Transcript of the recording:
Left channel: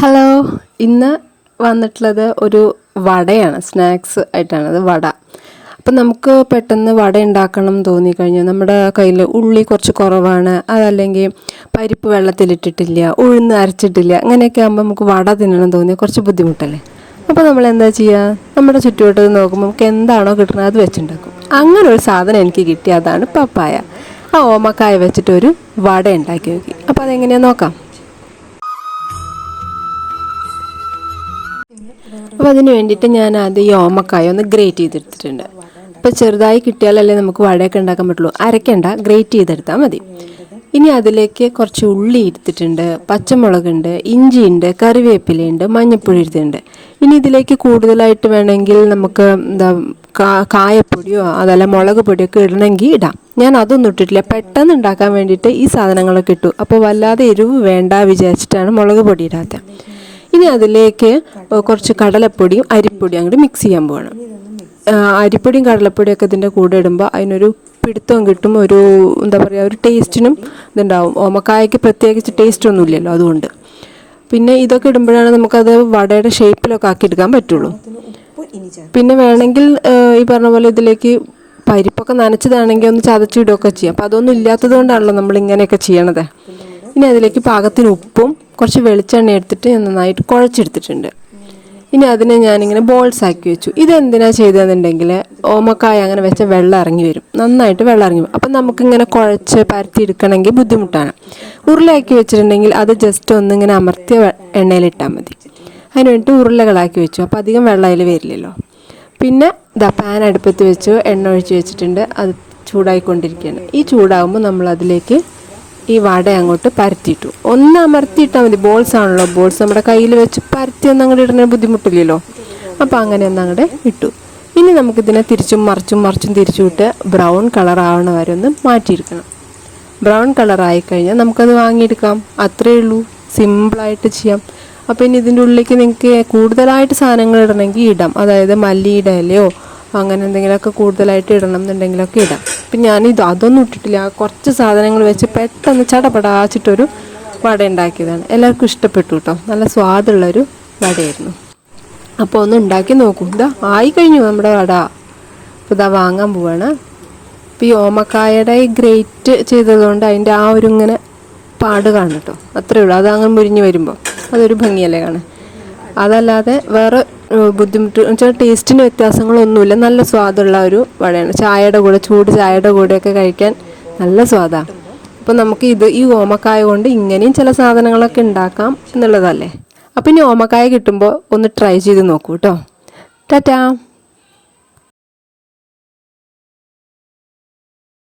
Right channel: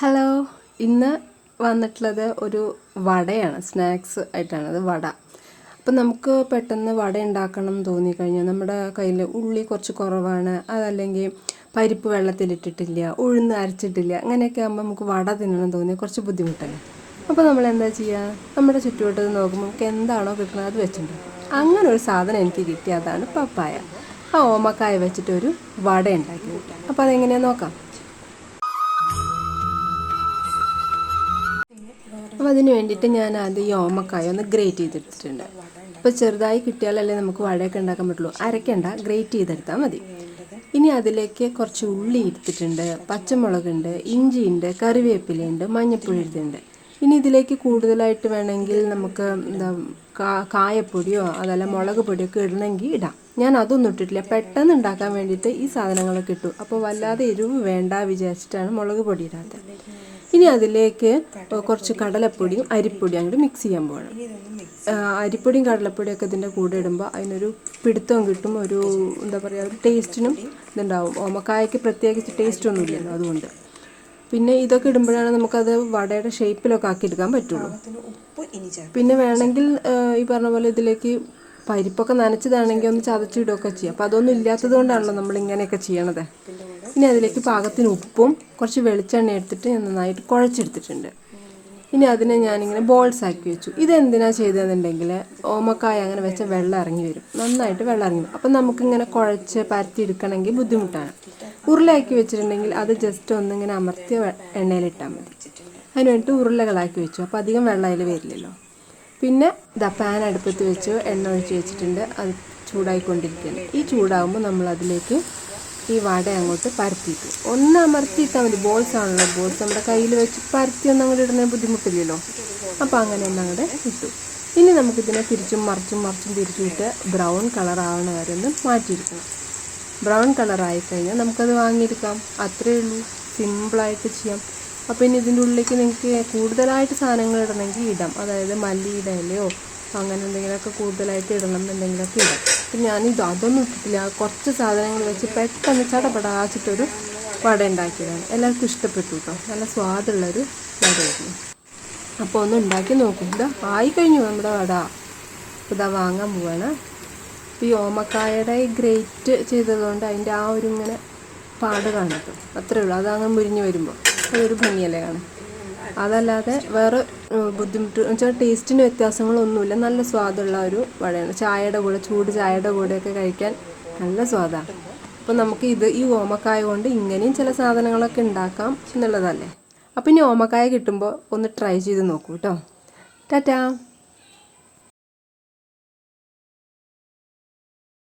Hello, ഇന്ന് വന്നിട്ടുള്ളത് ഒരു വടയാണ്. സ്നാക്സ് ആയിട്ടാണത് വട. അപ്പം നമുക്ക് പെട്ടെന്ന് വട ഉണ്ടാക്കണം തോന്നിക്കഴിഞ്ഞാൽ നമ്മുടെ കയ്യിൽ ഉള്ളി കുറച്ച് കുറവാണ്, അതല്ലെങ്കിൽ പരിപ്പ് വെള്ളത്തിലിട്ടിട്ടില്ല, ഉഴുന്ന് അരച്ചിട്ടില്ല, അങ്ങനെയൊക്കെ ആകുമ്പോൾ നമുക്ക് വട തിന്നണം തോന്നിയാൽ കുറച്ച് ബുദ്ധിമുട്ടല്ലേ. അപ്പോൾ നമ്മൾ എന്താ ചെയ്യുക, നമ്മുടെ ചുറ്റുവട്ടത്ത് നോക്കുമ്പോൾ നമുക്ക് എന്താണോ കിട്ടുന്നത് അത് വെച്ചുണ്ടാക്കും. അങ്ങനെ ഒരു സാധനം എനിക്ക് കിട്ടി, അതാണ് പപ്പായ. ആ ഓമക്കായ വെച്ചിട്ടൊരു വട ഉണ്ടാക്കി നോക്കി. അപ്പോൾ അതെങ്ങനെയാണെന്ന് നോക്കാം. അപ്പോൾ അതിന് വേണ്ടിയിട്ട് ഞാൻ ആദ്യം ഈ ഓമക്കായ ഒന്ന് ഗ്രേറ്റ് ചെയ്തെടുത്തിട്ടുണ്ട്. അപ്പോൾ ചെറുതായി കിട്ടിയാലല്ലേ നമുക്ക് വടയൊക്കെ ഉണ്ടാക്കാൻ പറ്റുള്ളൂ. അരക്കണ്ട, ഗ്രേറ്റ് ചെയ്തെടുത്താൽ മതി. ഇനി അതിലേക്ക് കുറച്ച് ഉള്ളി എടുത്തിട്ടുണ്ട്, പച്ചമുളകുണ്ട്, ഇഞ്ചിയുണ്ട്, കറിവേപ്പിലയുണ്ട്, മഞ്ഞൾപ്പൊടി എടുത്തിട്ടുണ്ട്. ഇനി ഇതിലേക്ക് കൂടുതലായിട്ട് വേണമെങ്കിൽ നമുക്ക് കായപ്പൊടിയോ അതല്ല മുളക് പൊടിയൊക്കെ ഇടണമെങ്കിൽ ഇടാം. ഞാൻ അതൊന്നും ഇട്ടിട്ടില്ല, പെട്ടെന്ന് ഉണ്ടാക്കാൻ വേണ്ടിയിട്ട് ഈ സാധനങ്ങളൊക്കെ ഇട്ടു. അപ്പോൾ വല്ലാതെ എരിവ് വേണ്ട വിചാരിച്ചിട്ടാണ് മുളക് പൊടി ഇടാത്തത്. ഇനി അതിലേക്ക് കുറച്ച് കടലപ്പൊടിയും അരിപ്പൊടിയും അങ്ങോട്ട് മിക്സ് ചെയ്യാൻ പോകണം. അരിപ്പൊടിയും കടലപ്പൊടിയൊക്കെ ഇതിൻ്റെ കൂടെ ഇടുമ്പോൾ അതിനൊരു പിടുത്തവും കിട്ടും, ഒരു എന്താ പറയുക, ഒരു ടേസ്റ്റിനും ഇതുണ്ടാവും. ഓമക്കായക്ക് പ്രത്യേകിച്ച് ടേസ്റ്റ് ഒന്നും ഇല്ലല്ലോ, അതുകൊണ്ട്. പിന്നെ ഇതൊക്കെ ഇടുമ്പോഴാണ് നമുക്കത് വടയുടെ ഷേപ്പിലൊക്കെ ആക്കി എടുക്കാൻ പറ്റുള്ളൂ. പിന്നെ വേണമെങ്കിൽ ഈ പറഞ്ഞ പോലെ ഇതിലേക്ക് പരിപ്പൊക്കെ നനച്ചതാണെങ്കിൽ ഒന്ന് ചതച്ചിടുകയൊക്കെ ചെയ്യാം. അപ്പം അതൊന്നും ഇല്ലാത്തത് കൊണ്ടാണല്ലോ നമ്മൾ ഇങ്ങനെയൊക്കെ ചെയ്യണത്. ഇനി അതിലേക്ക് പാകത്തിന് ഉപ്പും കുറച്ച് വെളിച്ചെണ്ണ എടുത്തിട്ട് ഞാൻ നന്നായിട്ട് കുഴച്ചെടുത്തിട്ടുണ്ട്. ഇനി അതിനെ ഞാനിങ്ങനെ ബോൾസ് ആക്കി വെച്ചു. ഇതെന്തിനാണ് ചെയ്തതെന്നുണ്ടെങ്കിൽ ഓമക്കായ അങ്ങനെ വെച്ച വെള്ളം ഇറങ്ങി വരും, നന്നായിട്ട് വെള്ളം ഇറങ്ങി വരും. അപ്പം നമുക്കിങ്ങനെ കുഴച്ച് പരത്തി എടുക്കണമെങ്കിൽ ബുദ്ധിമുട്ടാണ്. ഉരുളയാക്കി വെച്ചിട്ടുണ്ടെങ്കിൽ അത് ജസ്റ്റ് ഒന്നിങ്ങനെ അമർത്തിയ എണ്ണയിലിട്ടാൽ മതി. അതിന് വേണ്ടിയിട്ട് ഉരുളകളാക്കി വെച്ചു, അപ്പോൾ അധികം വെള്ളം അതിൽ വരില്ലല്ലോ. പിന്നെ പാൻ അടുപ്പത്ത് വെച്ച് എണ്ണ ഒഴിച്ച് വെച്ചിട്ടുണ്ട്, അത് ചൂടായിക്കൊണ്ടിരിക്കുകയാണ്. ഈ ചൂടാകുമ്പോൾ നമ്മൾ അതിലേക്ക് ഈ വട അങ്ങോട്ട് പരത്തിയിട്ടു. ഒന്ന് അമർത്തിയിട്ടാൽ മതി, ബോൾസ് ആണല്ലോ. ബോൾസ് നമ്മുടെ കയ്യിൽ വെച്ച് പരത്തി ഒന്ന് അങ്ങോട്ട് ഇടുന്ന ബുദ്ധിമുട്ടില്ലല്ലോ. അപ്പോൾ അങ്ങനെ ഒന്ന് അങ്ങോട്ട് ഇട്ടു. ഇനി നമുക്കിതിനെ തിരിച്ചും മറിച്ചും തിരിച്ചു വിട്ട് ബ്രൗൺ കളർ ആവണ വരെ ഒന്ന് മാറ്റിയിരിക്കണം. ബ്രൗൺ കളറായി കഴിഞ്ഞാൽ നമുക്കത് വാങ്ങിയെടുക്കാം. അത്രയേ ഉള്ളൂ, സിമ്പിളായിട്ട് ചെയ്യാം. അപ്പോൾ ഇനി ഇതിൻ്റെ ഉള്ളിലേക്ക് നിങ്ങൾക്ക് കൂടുതലായിട്ട് സാധനങ്ങൾ ഇടണമെങ്കിൽ ഇടാം. അതായത് മല്ലിയുടെ ഇലയോ അങ്ങനെ എന്തെങ്കിലുമൊക്കെ കൂടുതലായിട്ട് ഇടണം എന്നുണ്ടെങ്കിലൊക്കെ ഇടാം. അപ്പം ഞാനിത് അതൊന്നും ഇട്ടിട്ടില്ല, കുറച്ച് സാധനങ്ങൾ വെച്ച് പെട്ടെന്ന് ചടപടാച്ചിട്ടൊരു വട ഉണ്ടാക്കിയതാണ്. എല്ലാവർക്കും ഇഷ്ടപ്പെട്ടു കേട്ടോ, നല്ല സ്വാദുള്ളൊരു വടയായിരുന്നു. അപ്പോൾ ഒന്ന് ഉണ്ടാക്കി നോക്കൂ. ഇതാ ആയി കഴിഞ്ഞു നമ്മുടെ വട. ഇതാ വാങ്ങാൻ പോവാണ്. അപ്പോൾ ഈ ഓമക്കായയുടെ ഈ ഗ്രേറ്റ് ചെയ്തതുകൊണ്ട് അതിൻ്റെ ആ ഒരു ഇങ്ങനെ പാട് കാണും കേട്ടോ, അത്രയേ ഉള്ളൂ. അതങ്ങനെ മുരിഞ്ഞ് വരുമ്പോൾ അതൊരു ഭംഗിയല്ലേ കാണാൻ. അതല്ലാതെ വേറെ ബുദ്ധിമുട്ട് വെച്ചാൽ ടേസ്റ്റിന് വ്യത്യാസങ്ങളൊന്നുമില്ല. നല്ല സ്വാദുള്ള ഒരു വടയാണ്. ചായയുടെ കൂടെ, ചൂട് ചായയുടെ കൂടെയൊക്കെ കഴിക്കാൻ നല്ല സ്വാദാണ്. അപ്പോൾ നമുക്ക് ഈ ഓമക്കായ കൊണ്ട് ഇങ്ങനെയും ചില സാധനങ്ങളൊക്കെ ഉണ്ടാക്കാം എന്നുള്ളതല്ലേ. അപ്പോൾ ഇനി ഓമക്കായ കിട്ടുമ്പോൾ ഒന്ന് ട്രൈ ചെയ്ത് നോക്കൂ കേട്ടോ. ടാറ്റാ.